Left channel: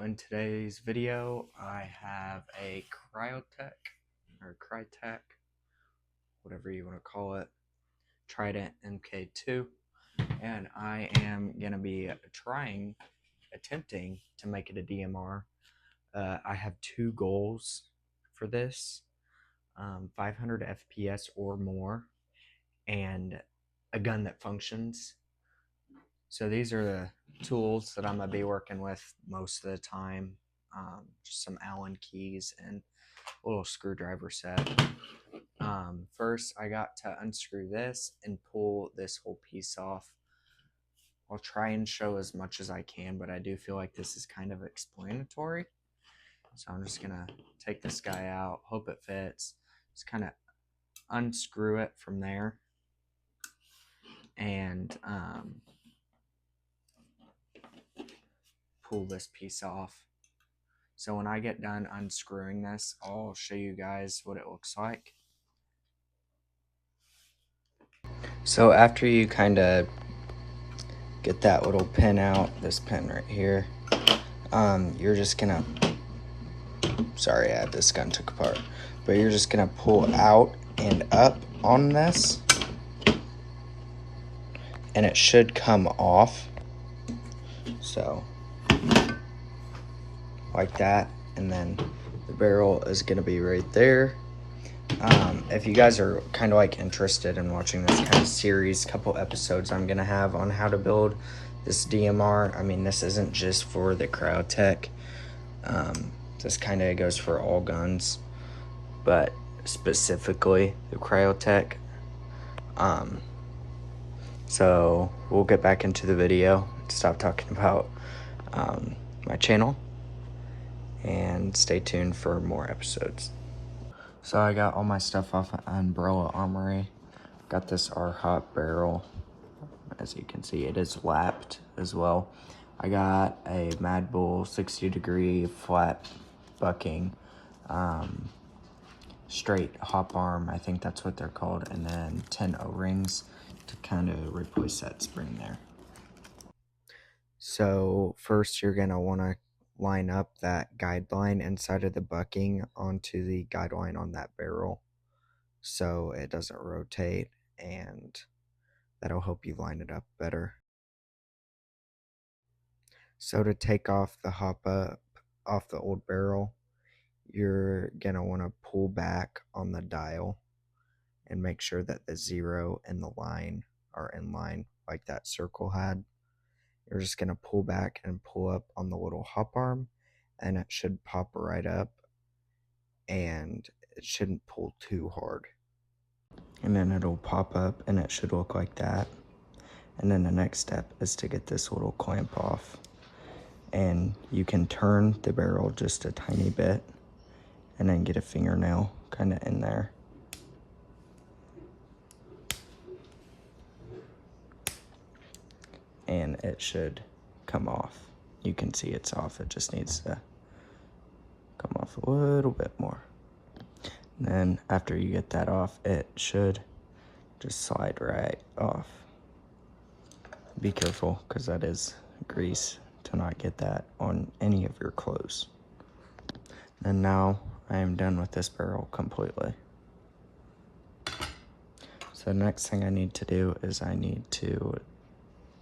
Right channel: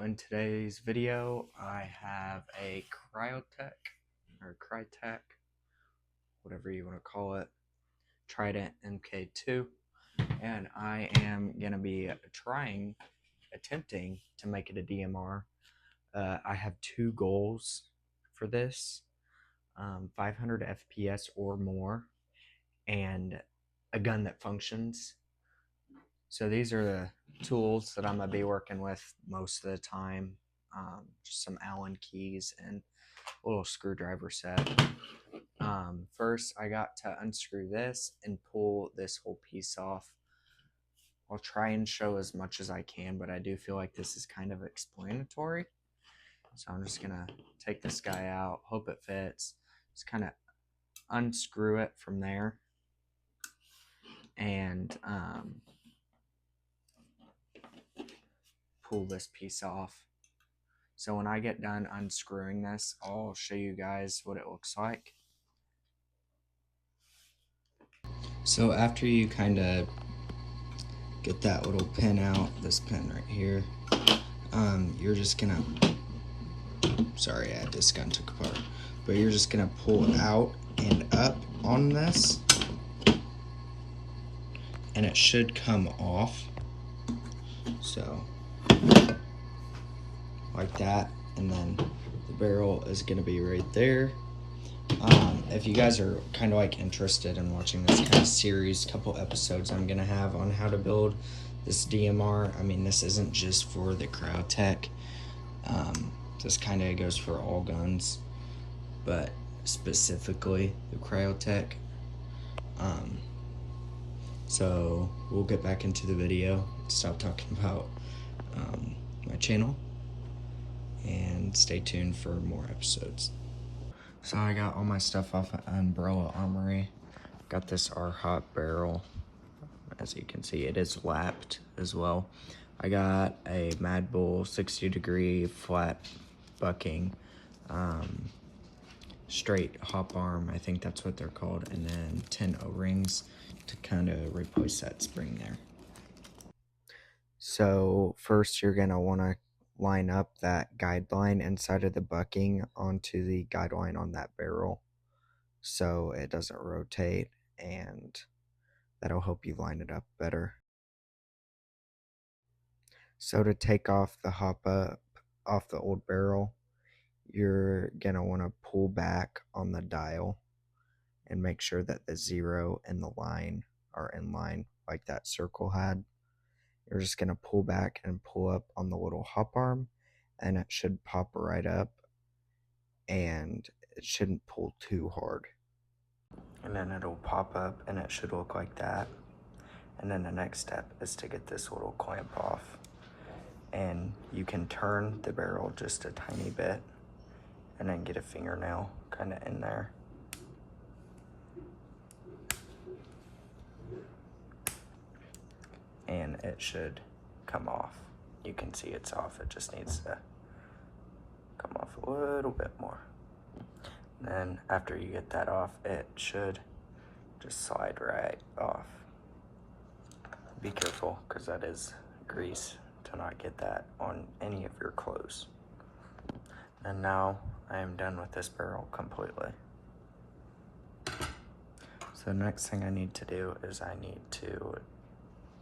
So in today's video, I have a Cryotech, or Crytek, whatever you want to call it, Trident MK2, and I am going to be attempting to make it a DMR. I have two goals for this, 500 FPS or more, and a gun that functions. So these are the tools that I'm going to be working with most of the time. Just some Allen keys and a little screwdriver set. First, I got to unscrew this and pull this whole piece off. I'll try and show as much as I can, but I do feel like this is kind of explanatory. So I'm just going to take this guy out, hope it fits. Just kind of unscrew it from there. And pull this piece off. So when I get done unscrewing this, I'll show you guys what it looks like. So after you kind of get that little pin out, this pin right here, you're just gonna, sorry, I had this gun took apart, but you're just gonna pull out and up on this, and it should come off. So like that, and then the barrel is gonna be right there. If you guys are kind of like interested in watching this kind of series, couple episodes I'm gonna have on how to build this DMR. I mean, this isn't just for the Cryotech. This kind of goes for all guns, but specifically the Cryotech. So we'll get back into the video, stop talking about my channel, and stay tuned for more episodes. So I got all my stuff off of Umbrella Armory. Got this R-Hop barrel. As you can see, it is lapped as well. I got a Mad Bull 60-degree flat bucking, straight hop arm, I think that's what they're called, and then 10 O-rings to kind of replace that spring there. So first you're gonna want to line up that guideline inside of the bucking onto the guideline on that barrel so it doesn't rotate, and that'll help you line it up better. So to take off the hop up off the old barrel, you're gonna want to pull back on the dial and make sure that the 0 and the line are in line like that circle had. You're just going to pull back and pull up on the little hop arm, and it should pop right up, and it shouldn't pull too hard. And then it'll pop up and it should look like that. And then the next step is to get this little clamp off. And you can turn the barrel just a tiny bit and then get a fingernail kind of in there. And it should come off. You can see it's off, it just needs to come off a little bit more. And then after you get that off, it should just slide right off. Be careful, because that is grease, to not get that on any of your clothes. And now I am done with this barrel completely. So next thing I need to do is I need to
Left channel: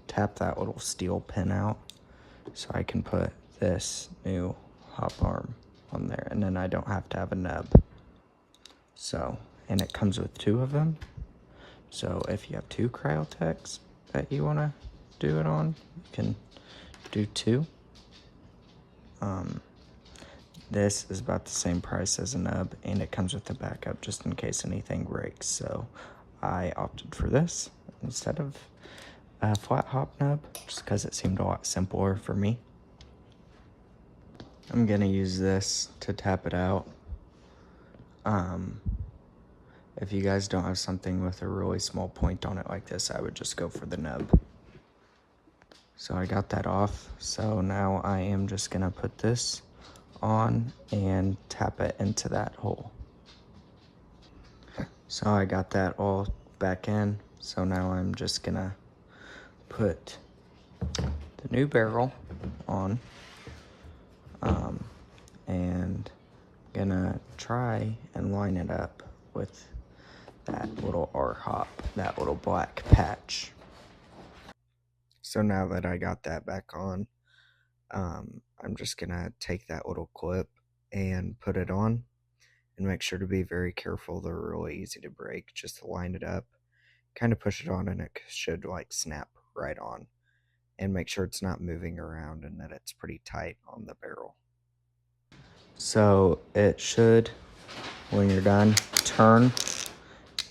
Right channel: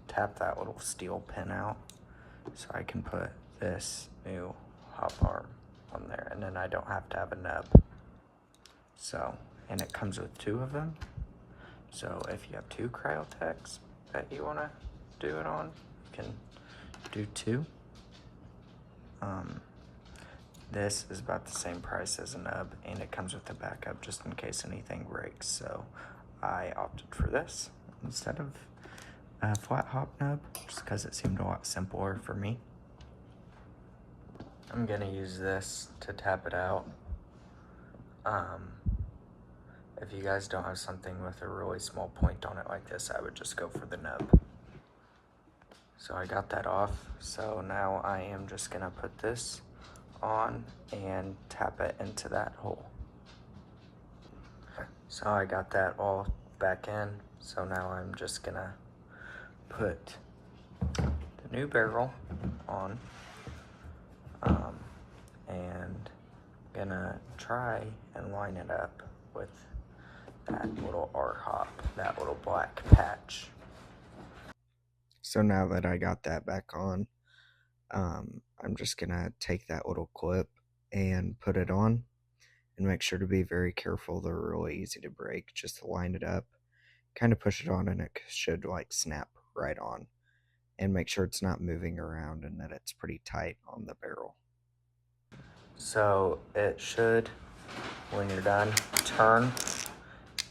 tap that little steel pin out so I can put this new hop arm on there, and then I don't have to have a nub. So, and it comes with 2 of them. So if you have 2 Cryotechs that you want to do it on, you can do 2. This is about the same price as a nub, and it comes with a backup just in case anything breaks. So I opted for this instead of a flat hop nub, just because it seemed a lot simpler for me. I'm gonna use this to tap it out. If you guys don't have something with a really small point on it like this, I would just go for the nub. So I got that off, so now I am just gonna put this on and tap it into that hole. So I got that all back in, so now I'm just gonna put the new barrel on. try and line it up with that little R-hop, that little black patch. So now that I got that back on, I'm just gonna take that little clip and put it on, and make sure to be very careful. They're really easy to break. Just to line it up, kind of push it on, and it should like snap right on. And make sure it's not moving around and that it's pretty tight on the barrel. So it should, when you're done, turn,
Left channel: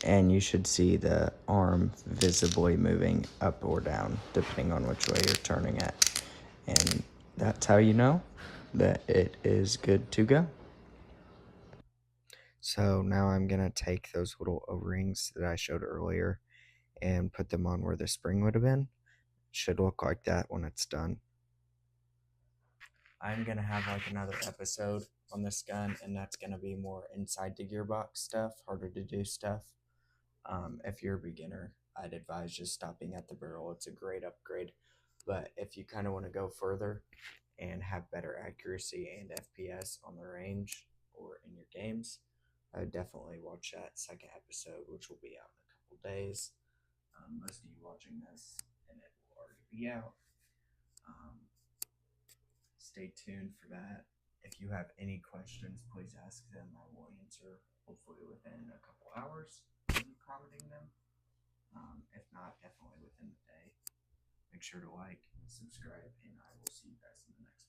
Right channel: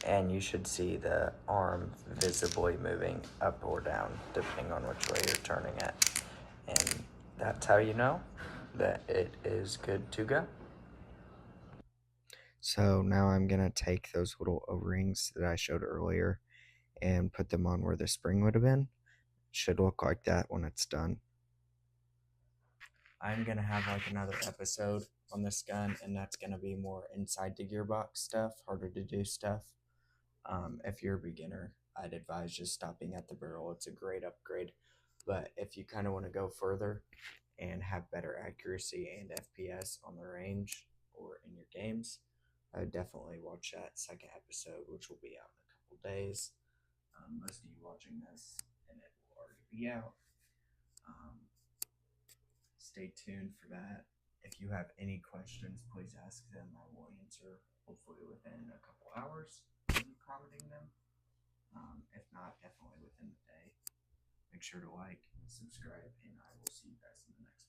and you should see the arm visibly moving up or down depending on which way you're turning it. And that's how you know that it is good to go. So now I'm gonna take those little O-rings that I showed earlier and put them on where the spring would have been. Should look like that when it's done. I'm gonna have like another episode on this gun, and that's gonna be more inside the gearbox stuff, harder to do stuff. If you're a beginner, I'd advise just stopping at the barrel. It's a great upgrade. But if you kind of want to go further and have better accuracy and FPS on the range or in your games, I would definitely watch that second episode, which will be out in a couple days. Most of you watching this, and it will already be out. Stay tuned for that. If you have any questions, please ask them. I will answer hopefully within a couple hours of commenting them. If not, definitely within the day. Make sure to like, subscribe, and I will see you guys in the next one.